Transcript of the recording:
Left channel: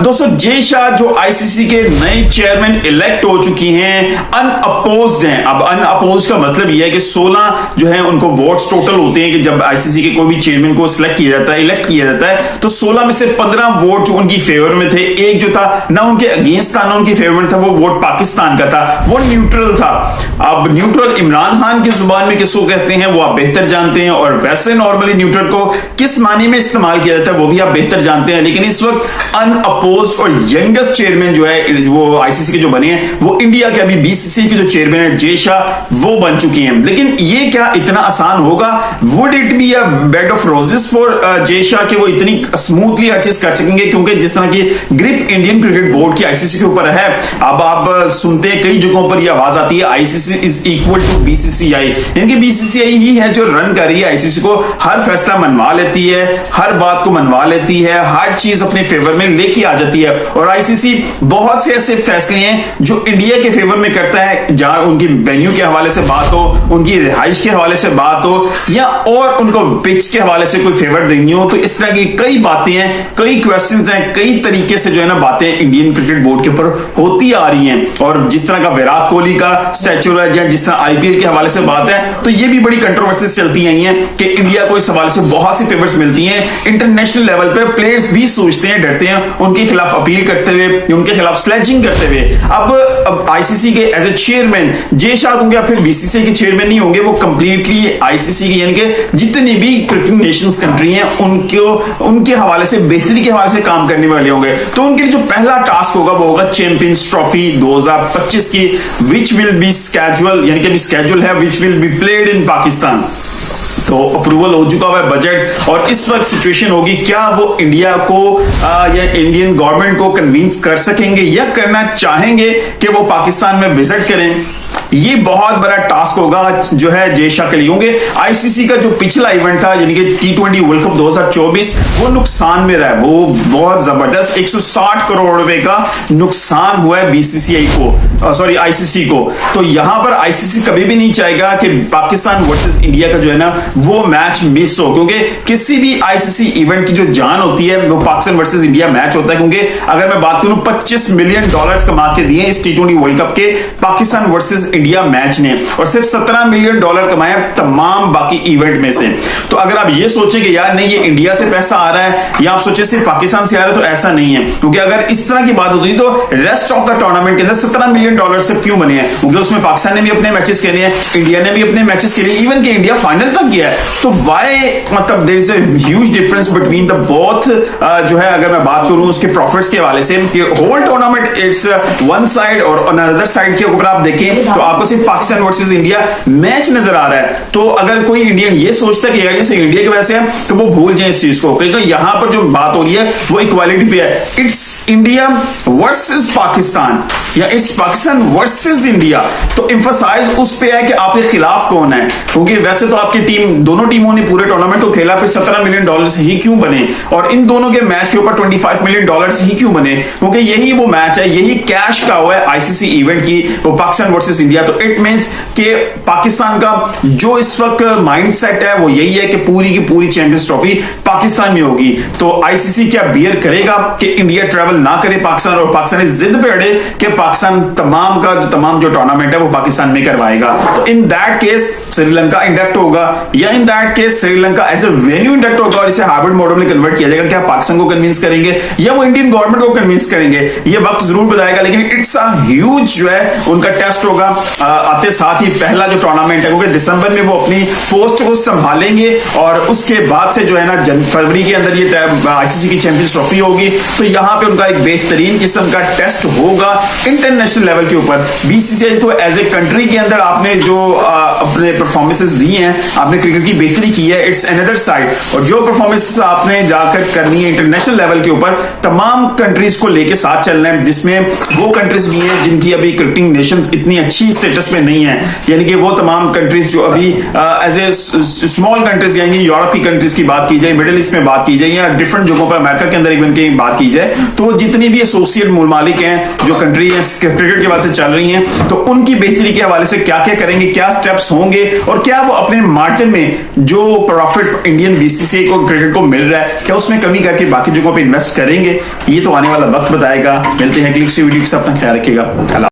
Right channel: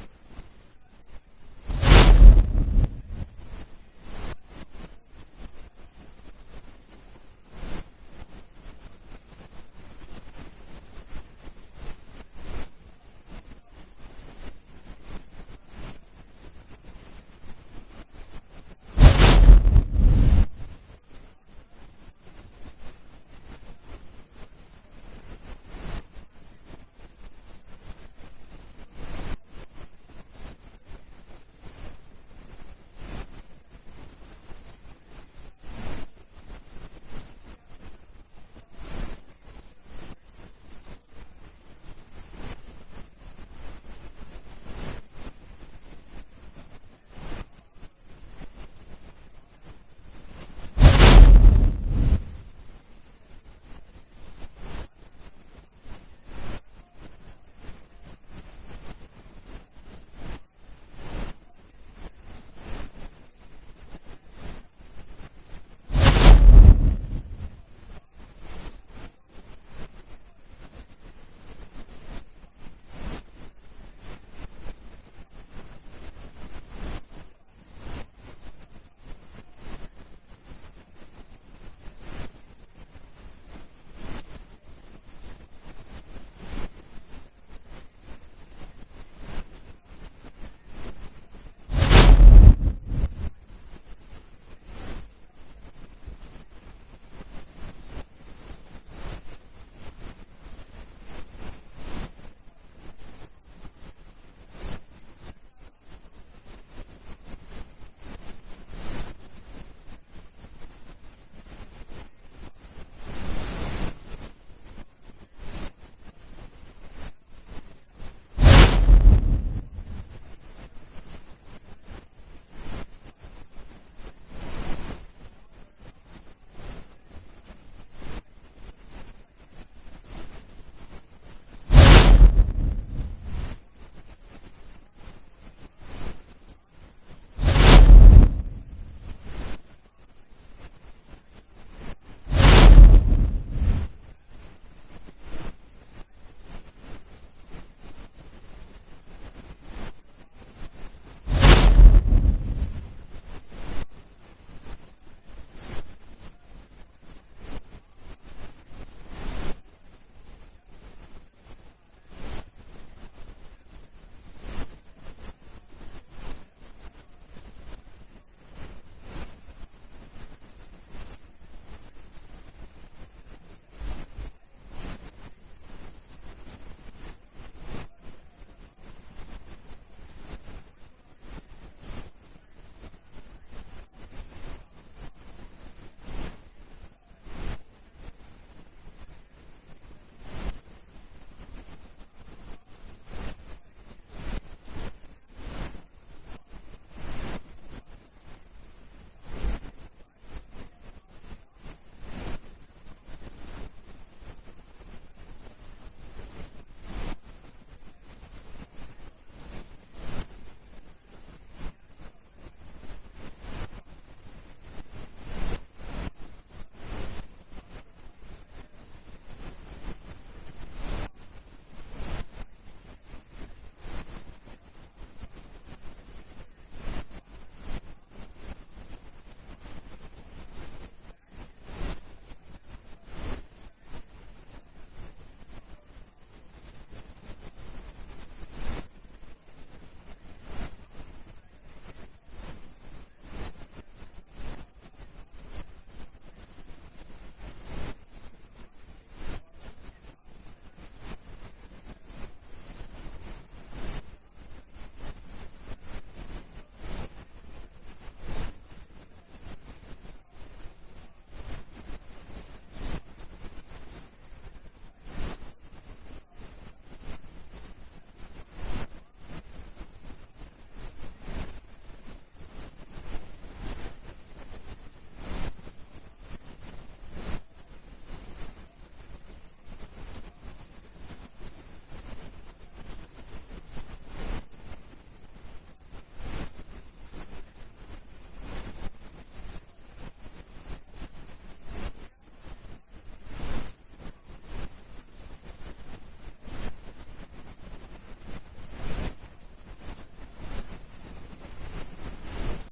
दोस्तों जय शाह जो आईसीसी के नए चेयरमैन इलेक्ट हो चुकी हैं, अनअपोज्ड हैं। अब अनअपोज्ड का मतलब यह है कि 16 जो है उनको वोट्स टोटल होते हैं कि जब आईसीसी के कोई भी चेयरमैन को सिलेक्ट किया जाता है, इलेक्ट किया जाता है, तो 16 में से 15 वोट जो उनकी फेवर में थे, एक जो था ना उनके अगेंस्ट था ना उनकी फेवर में था, वो वोट पाकिस्तान का था, वो न्यूट्रल था। अब न्यूट्रल इमरान खान की जुबान में किसको कहते हैं वो आप बेहतर जानते हैं, और वैसे नॉर्मली न्यूट्रल को किस मानी में इस्तेमाल किया जाता है वो भी आप बेहतर जानते हैं। लेकिन इस वक्त अनअपोज्ड और यंगेस्ट चेयरमैन जो है वो आईसीसी के जो बने हैं वो इंडिया के अभी बीसीसीआई के जो चेयरमैन है जय शाह वो बन चुकी हैं। लेकिन ये क्या इतना आसान होगा? Would it be a bed of roses for Jay Shah कि वो इतनी स्मूथली हर चीज कर सकेंगे? क्योंकि जिस तरह की ग्रिप इंडियन क्रिकेट बोर्ड की आईसीसी के ऊपर है, अब आप सुनते हैं कई जगहों पर यह आवाज आती है ICC is equal to BCCI, यानी कि बीसीसीआई ही है जो रन कर रही है आईसीसी को, हर फैसला मनवा लेती है, हर बात को मनवा लेती है, हर चीज अपने फेवर में लेके आ जाती है। और आईसीसी बहुत से ऐसे फैसले हैं जो इंडिया के फेवर में करता है, जहां उनकी वेन्यू के हवाले से बात हो, उनकी रिहाइश के हवाले से बात हो, या और उनको पिच के हवाले से कोई फेवर देनी हो। तो इस तरह की कई बातें हैं, कई क्वेश्चंस हैं, कई तरीके से जो है ना बातें इंडियन क्रिकेट बोर्ड के ऊपर होती आ रही हैं। और जिस तरह का विराट कोहली का स्टैचू है या जिस तरह आईपीएल के हवाले से बात है, तो ये भी बड़ी कंट्रोवर्सीज चलती आई हैं कि इंडिया को इस हवाले से बहुत सी फेवर्स मिलती हैं। इंटरनेशनल लेवल पे प्लेयर्स भी सोचते हैं, डरते हैं उनके खिलाफ अपील करते हुए, उनके खिलाफ स्लेजिंग करते हुए। अब आईसीसी के as a chairman Jay Shah होंगे या फिर बीसीसीआई के चेयरमैन नहीं होंगे, वो कंप्लीटली आईसीसी के यानी कि जितनी भी क्रिकेट नेशंस कंट्री हैं उनके हवाले से, बेहतरी के हवाले से काम करने वाले होंगे। तो उनके लिए जो पहला टास्क होगा वो होगा चैंपियंस ट्रॉफी 2025 की, विच विल बी स्केड्यूल, यानी कि स्केड्यूल है which will be played in Pakistan. तो अप्रूवल हो चुका हुआ है बजट, और इस वक्त सिचुएशन होगी क्या वो इंडिया को या इंडियन गवर्नमेंट को कन्विंस कर सकेंगे या करना चाहेंगे कि वो पाकिस्तान में विजिट करें। ये बहुत बड़ा टास्क होगा जो है जय शाह के लिए। होंगे आईसीसी का जो पिछला इवेंट था यानी कि T20 वर्ल्ड कप 2024 वो नुकसान में रहा है, वो बहुत जबरदस्त 160 करोड़ रुपए का नुकसान हुआ है बीसीसीआई को, सॉरी आईसीसी को। तो यहां पर आईसीसी कभी भी नहीं चाहेगा कि पाकिस्तान वर्सेस इंडिया का जो है ना वो मैच मिस हो, क्योंकि किसी भी आईसीसी इवेंट की जो जान होती है वो पाकिस्तान वर्सेस इंडिया मैच होता है। क्योंकि अगर मैं बात करूं $25 मिलियन कमा के दिए इस T20 वर्ल्ड कप के पाकिस्तान वर्सेस इंडिया मैच ने, और सिर्फ $17 मिलियन कमाया तमाम बाकी इवेंट में से। तो अगर आप ये सोचे कि यार नहीं ये इंडिया से पैसा आ रहा है, या आप सोचे सिर्फ पाकिस्तान से आ रहा है, तो ऐसा नहीं है। क्योंकि अगर इस तरह की बात होती तो रेस्ट ऑफ द टूर्नामेंट के अंदर $17 मिलियन से क्यों बने हैं? क्योंकि उसमें पाकिस्तान ने भी अपने मैचेस खेले हैं, इंडिया ने भी अपने मैचेस खेले, इवन कि इंडिया फाइनल तक गया है। तो वाई मतलब there is a huge difference between the both जो है, अगर मैं बात करूं उसके प्रॉफिट्स के हवाले से, whole tournament it's one side और अनदर साइड के ऊपर आप देखें तो आपको सिर्फ पाकिस्तान वर्सेस इंडिया मैच नजर आ रहा है। तो अगर कोई इंडियन ये सोचता है कि यार जैसे इंडिया की वजह से है, तो वो भूल जाए इस चीज को, क्योंकि यहां पर जो बात हो रही है वो इक्वालिटी पे है। इट्स इंडिया वर्सेस पाकिस्तान या इट्स पाकिस्तान वर्सेस इंडिया। तो एम्फसाइज उस पे है कि आपके खिलाफ कौन है, क्योंकि वैसे तो आपकी टीम, दोनों टीमों ने पूरे टूर्नामेंट को खेला, फिर $17 मिलियन ही क्यों बने, और इन दोनों के मैच के ऊपर $25 मिलियन ही क्यों बने? क्योंकि यही वो मैच है, यही कैश का हुआ है आईसीसी इवेंट की, वो पाकिस्तान वर्सेस इंडिया। तो इट मींस कि पाकिस्तान का जो इस वक्त माइंडसेट है वो यही है कि पूरी की पूरी चैंपियंस ट्रॉफी पाकिस्तान में होगी। तो आईसीसी क्या बियर करेगा कि इंडिया ट्रैवल ना करे पाकिस्तान, और पाकिस्तान इस जिद पे अड़े कि पाकिस्तान तमाम जो टूर्नामेंट है वो पाकिस्तान में करवाएगा। तो in that case Sri Lanka induct होगा, या in that case Sri Lanka as a venue induct होगा और इसे हाइब्रिड मॉडल में कन्वर्ट किया जाएगा। क्या पाकिस्तान को कन्विंस करेंगे या वो इंडियन गवर्नमेंट को कन्विंस करेंगे, ये वक्त जरूर बताएगा। लेकिन इट्स अ ह्यूज जो है उनका टेस्ट होगा आते साथ ही पहला जो टूर्नामेंट है, क्योंकि दिसंबर में वो अपनी पोस्ट को संभालेंगे और उसके बाद से जो है ना फरवरी के अंदर ये आईसीसी की चैंपियंस ट्रॉफी होगी। तो यहाँ पे उनका एक बेहतरीन किस्म का टेस्ट होगा इंटरनेशनल लेवल के ऊपर। बीसीसीआई को एज ए कंट्री के अंदर आपने जो अपने परफॉर्मेंसेस दी हैं, आपने क्रिकेट की बेहतरी की है, इट्स अनदर साइड। और जो परफॉर्मेंसेस आपने जाकर करनी है इंटरनेशनल लेवल के ऊपर, तमाम कंट्रीज को लेके साथ चलना है, जिसमें वो कंट्रीज भी हैं जिनकी अभी क्रिकेटिंग नेशंस इतनी अच्छी अच्छी स्टेटस में नहीं है, यानी कि वो तमाम कंट्रीज जो अभी एज ए स्मॉल कंट्रीज, यानी यूरोप की कंट्रीज की बात की जाए, मिडिल ईस्ट में बात की जाए, या डिफरेंट जगहों पर अमेरिका के अंदर इवन की बात की जाए, तो जितनी भी एसोसिएट मुमालिक हैं जो कंट्री है क्रिकेट के बाद से चल रही हैं, तो उनकी बेहतरी के हवाले से क्या क्या करेंगे, क्या स्टेप्स होंगे, और क्या वो अपने मार्जिन में जो प्रॉफिट इंडियन बीसीसीआई को क्रिकेट को मिल रहा है, क्या उसमें कमी करके बाकी जगहों पर इन्वेस्ट करेंगे, ये तो आने वाला वक्त बताएगा। मिलते हैं अगली वीडियो के साथ, अपना ख्याल रखिएगा।